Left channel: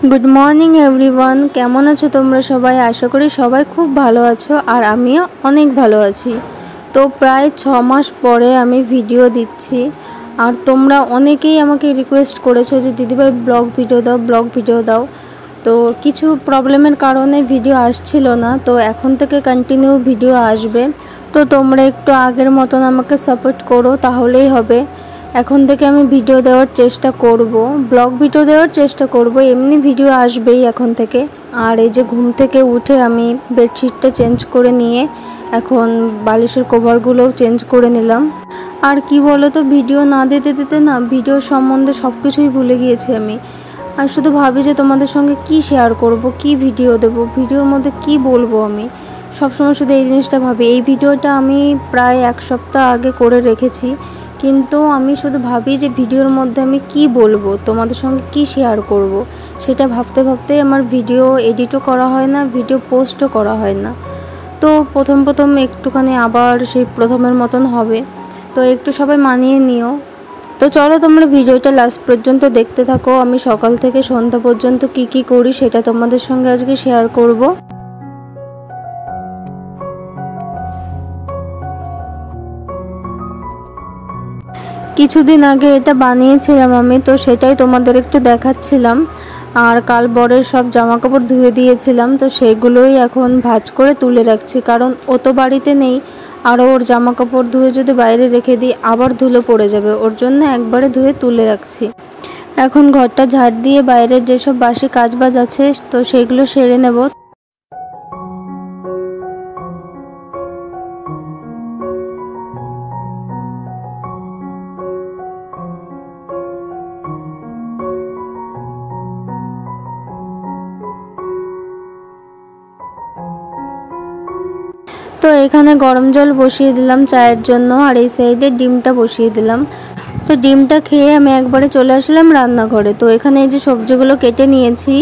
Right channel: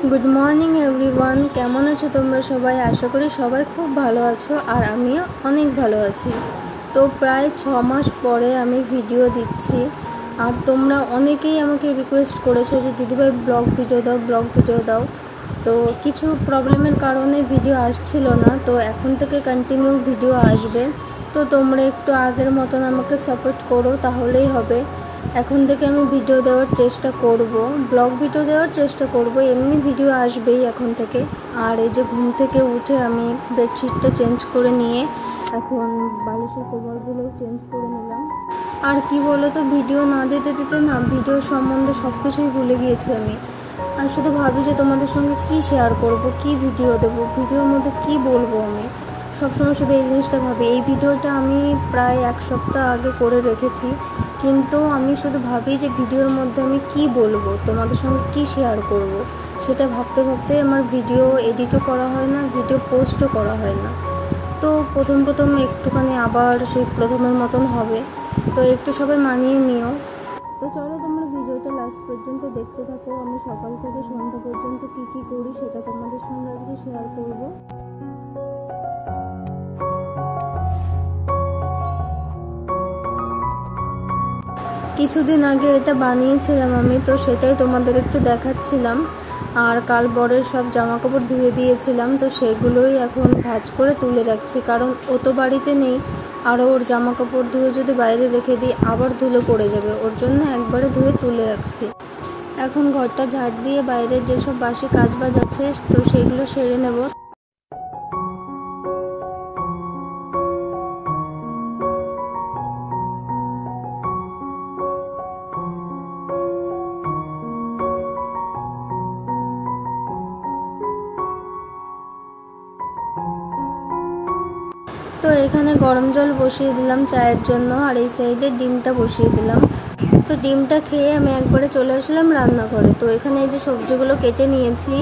Good morning everyone केमन आछो तोमरा सबाई आशा करी सबाई खूब भालो आछो और आमिও अनेक भालो आछि। तो प्राय 6 मास परे आमी भिडियो दिচ্ছি और तोमरा अनेकेई आमाके रिक्वेस्ट करेছো जे दिदिभाई ब्लग भिडियो दाओ। तो किछु प्रॉब्लेमेर कारणे भिडियो आसछिलो ना, तो एखन थेके कन्टिन्यू भिडियो आसबे। तो तोमरा एकटु आगेर मतन आमाके सापोर्ट करो ताहलेई होबे। এখন থেকে আমি ভিডিও দেওয়ার চেষ্টা করব, ব্লগ ভিডিও দেওয়ার চেষ্টা করব, এমনি ভিডিও আসবেই এখন থেকে। আর এই যে ঘুম থেকে উঠে আমি বেডশিটটা চেঞ্জ করে নিয়ে এখন বালিশের কভারগুলোও চেঞ্জ করে নিলাম। আর কি বলো তো, ভিডিও না দিতে দিতে না ভিডিও সম্বন্ধে সব কিছুই ভুলে গিয়েছি আমি। আর শুধু ভাবি যে তোমাদের সঙ্গে কি শেয়ার করব, কি ভিডিও দেব, ভিডিওর মধ্যে কি বলবো। আমি সবসময় শুধু এই জিনিসটা ভাবি। এই ভিডিওটা আমি প্রায় 1 সপ্তাহ আগে করে রেখেছি, কিন্তু আমি শুধু ভাবি যে ভিডিওর মধ্যে আমি কি বলবো, তোমাদের সঙ্গে কি শেয়ার করব, সেটা ভাবতে ভাবতে আমার ভিডিও এডিটও করা হয় না, ভিডিও পোস্টও করা হয় না। তো প্রথম একটুখানি আবার সেই প্রথমের মতন হবে, তো একটু সবাই মানিয়ে নিও। তো চলো তোমরা ভিডিওটা লাস্ট পর্যন্ত দেখতে থাকো। আমি সকাল থেকে সন্ধ্যা পর্যন্ত কি করি সেটা তোমাদের সঙ্গে আজকে শেয়ার করব। কিছুদিন আগে এটা বানিয়েছিলাম আমি, তো সেটাই তোমাদের একটু দেখাচ্ছিলাম। আর কাল বরের সব জামা কাপড় ধুয়ে দিয়েছিলাম, তো সেগুলোই এখন ভাঁজ করে তুলে রাখছি, কারণ ও তো বাড়িতে নেই। আর ওর জামা কাপড় ধুয়ে যদি বাইরে রেখে দিই আবার ধুলো পড়ে যাবে, ওর জন্য একবারে ধুয়ে তুলে রাখছি। এখন ঘরটা ঝাড় দিয়ে বাইরের যেসব বাসি কাজবাজ আছে তো সেগুলো সেরে নেব। তো এখানে গরম জল বসিয়ে দিলাম চায়ের জন্য, আর এই সাইডে ডিমটা বসিয়ে দিলাম। তো ডিমটা খেয়ে আমি একবারে চলে আসলাম রান্নাঘরে। তো এখানে এই যে সবজিগুলো কেটে নিয়েছি,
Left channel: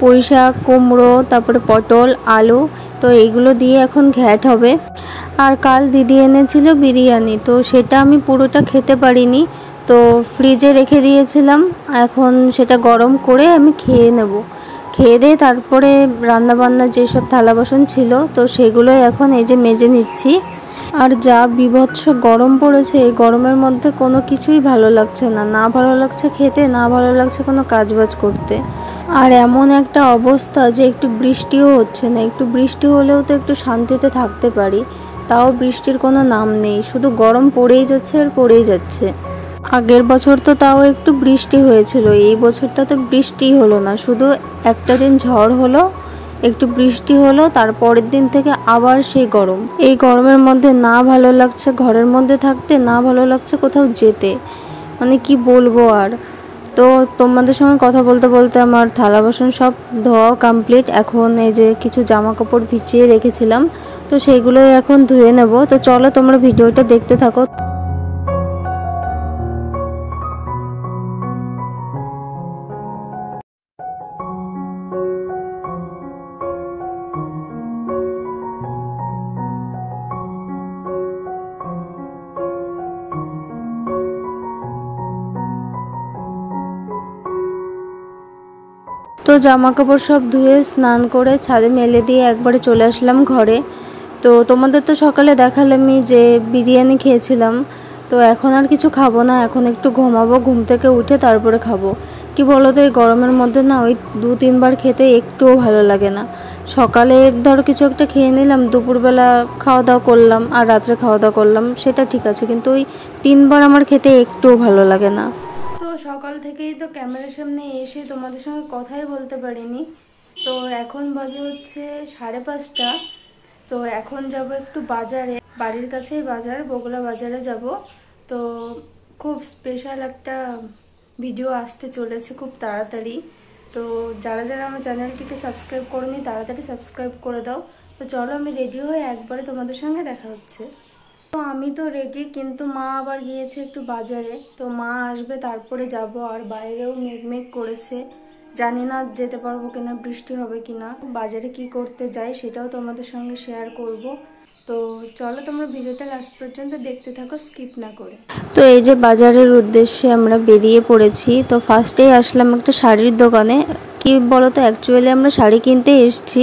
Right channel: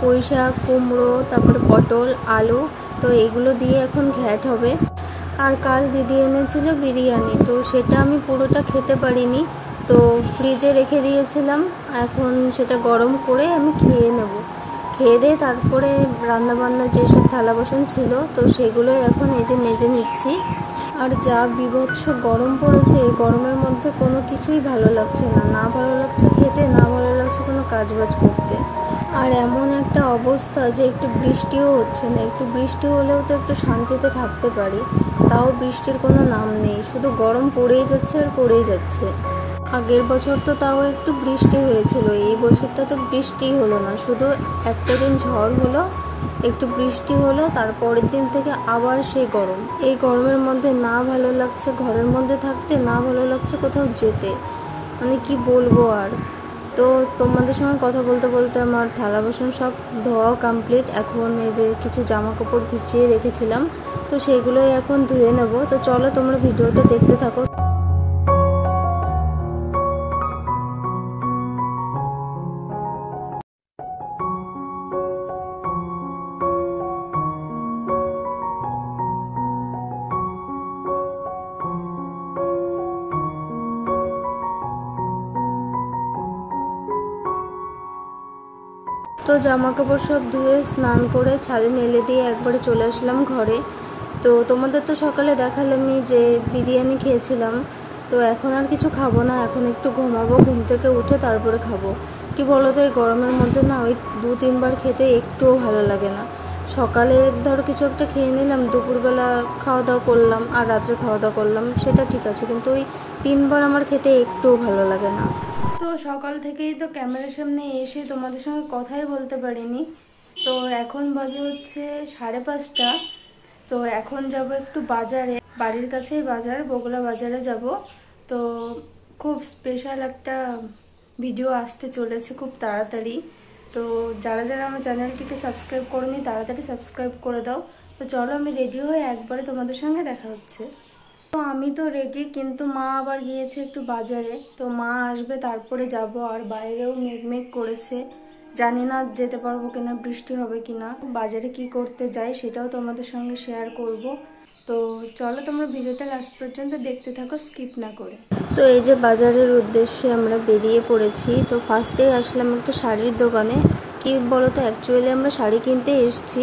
পুঁই শাক, কুমড়ো, তারপরে পটল, আলু, তো এইগুলো দিয়ে এখন ঘ্যাট হবে। আর কাল দিদি এনেছিল বিরিয়ানি, তো সেটা আমি পুরোটা খেতে পারিনি, তো ফ্রিজে রেখে দিয়েছিলাম। এখন সেটা গরম করে আমি খেয়ে নেব। খেয়ে দিয়ে তারপরে রান্নাবান্নার যেসব থালা বাসন ছিল তো সেগুলোই এখন এই যে মেজে নিচ্ছি। আর যা বিভৎস গরম পড়েছে, এই গরমের মধ্যে কোনো কিছুই ভালো লাগছে না, না ভালো লাগছে খেতে, না ভালো লাগছে কোনো কাজবাজ করতে। আর এমন একটা অবস্থা যে একটু বৃষ্টিও হচ্ছে না, একটু বৃষ্টি হলেও তো একটু শান্তিতে থাকতে পারি, তাও বৃষ্টির কোনো নাম নেই, শুধু গরম পড়েই যাচ্ছে আর পড়েই যাচ্ছে। আগের বছর তো তাও একটু বৃষ্টি হয়েছিল, এই বছরটা তো বৃষ্টিই হলো না, শুধু একটা দিন ঝড় হলো, একটু বৃষ্টি হলো, তারপরের দিন থেকে আবার সেই গরম। এই গরমের মধ্যে না ভালো লাগছে ঘরের মধ্যে থাকতে, না ভালো লাগছে কোথাও যেতে, মানে কি বলবো আর। তো তোমাদের সঙ্গে কথা বলতে বলতে আমার থালা বাসন সব ধোয়া কমপ্লিট। এখন এই যে কিছু জামা কাপড় ভিজিয়ে রেখেছিলাম, তো সেইগুলোই এখন ধুয়ে নেব। তো চলো তোমরা ভিডিওটা দেখতে থাকো। তো জামা কাপড় সব ধুয়ে স্নান করে ছাদে মেলে দিয়ে একবারে চলে আসলাম ঘরে। তো তোমাদের তো সকালে দেখালামই যে বিরিয়ানি খেয়েছিলাম, তো এখন আর কিছু খাবো না, এখন একটু ঘুমাবো, ঘুম থেকে উঠে তারপরে খাবো। কি বলো তো, এই গরমের মধ্যে না ওই 2-3 বার খেতে একটুও ভালো লাগে না। সকালে ধরো কিছু একটা খেয়ে নিলাম, দুপুরবেলা খাওয়া দাওয়া করলাম, আর রাত্রে খাওয়া দাওয়া করলাম, সেটা ঠিক আছে, কিন্তু ওই 3 বার আমার খেতে একটুও ভালো লাগে না। তো সকাল থেকেই তো ক্যামেরার সামনে এসে তোমাদের সঙ্গে কথাই বলতে পারিনি। তো এখন বাজে হচ্ছে 5:30। তো এখন যাব একটু বাজারে, বাড়ির কাছেই বাজার, বগুলা বাজারে যাব। তো খুব স্পেশাল একটা ভিডিও আসতে চলেছে খুব তাড়াতাড়ি। তো যারা যারা আমার চ্যানেলটিকে সাবস্ক্রাইব করোনি তাড়াতাড়ি সাবস্ক্রাইব করে দাও। তো চলো আমি রেডি হয়ে একবারে তোমাদের সঙ্গে দেখা হচ্ছে। তো আমি তো রেডি, কিন্তু মা আবার গিয়েছে একটু বাজারে, তো মা আসবে তারপরে যাব। আর বাইরেও মেঘ করেছে, জানি না যেতে পারবো কিনা, বৃষ্টি হবে কিনা। বাজারে কি করতে যাই সেটাও তোমাদের সঙ্গে শেয়ার করব। তো চলো তোমরা ভিডিওটা লাস্ট পর্যন্ত দেখতে থাকো, স্কিপ না করে। তো এই যে বাজারের উদ্দেশ্যে আমরা বেরিয়ে পড়েছি। তো ফার্স্টেই আসলাম একটা শাড়ির দোকানে, কি বলো তো, অ্যাকচুয়ালি আমরা শাড়ি কিনতে এসেছি।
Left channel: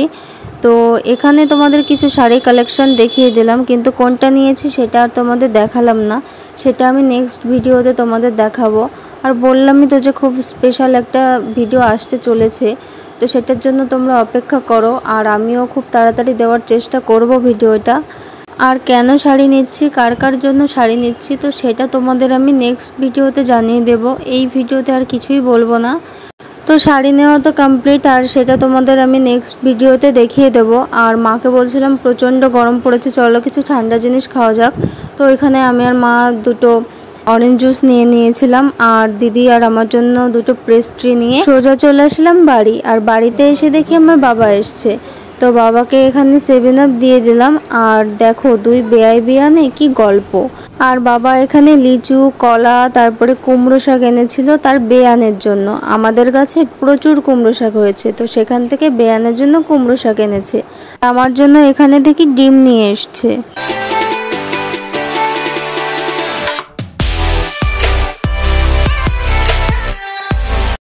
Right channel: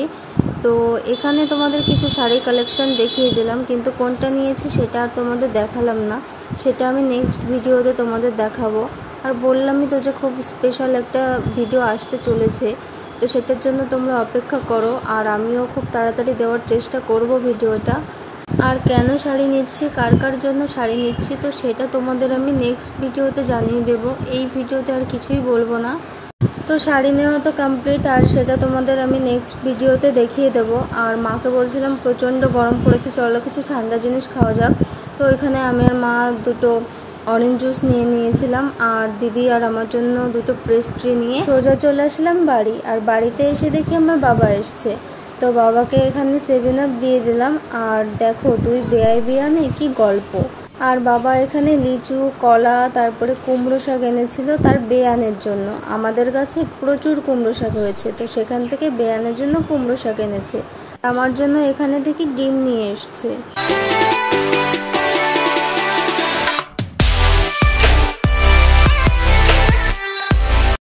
তো এখানে তোমাদের কিছু শাড়ি কালেকশন দেখিয়ে দিলাম, কিন্তু কোনটা নিয়েছি সেটা আর তোমাদের দেখালাম না, সেটা আমি নেক্সট ভিডিওতে তোমাদের দেখাবো। আর বললামই তো যে খুব স্পেশাল একটা ভিডিও আসতে চলেছে, তো সেটার জন্য তোমরা অপেক্ষা করো। আর আমিও খুব তাড়াতাড়ি দেওয়ার চেষ্টা করব ভিডিওটা। আর কেন শাড়ি নিচ্ছি, কার কার জন্য শাড়ি নিচ্ছি, তো সেটা তোমাদের আমি নেক্সট ভিডিওতে জানিয়ে দেব। এই ভিডিওতে আর কিছুই বলবো না। তো শাড়ি নেওয়া তো কমপ্লিট, আর সেটা তোমাদের আমি নেক্সট ভিডিওতে দেখিয়ে দেব। আর মাকে বলছিলাম প্রচণ্ড গরম পড়েছে, চলো কিছু ঠান্ডা জিনিস খাওয়া যাক। তো এখানে আমি আর মা দুটো অরেঞ্জ জুস নিয়ে নিয়েছিলাম, আর দিদি আর আমার জন্য দুটো পেস্ট্রি নিয়ে সোজা চলে আসলাম বাড়ি। আর বাড়িতে এসে দেখি আমার বাবা এসছে, তো বাবাকে এখানে 7 আপ দিয়ে দিলাম। আর দেখো দুই বেয়াই বিয়ানে কি গল্প। আর বাবা এখানে লিচু, কলা, তারপরে কুমড়ো শাক এনেছিল তার বেয়ানের জন্য। আমাদের গাছে প্রচুর কুমড়ো শাক হয়েছে, তো সেখান থেকে বেয়ানের জন্য কুমড়ো শাক এনেছে। আমার জন্য এখানে দেখি ডিম নিয়ে এসছে।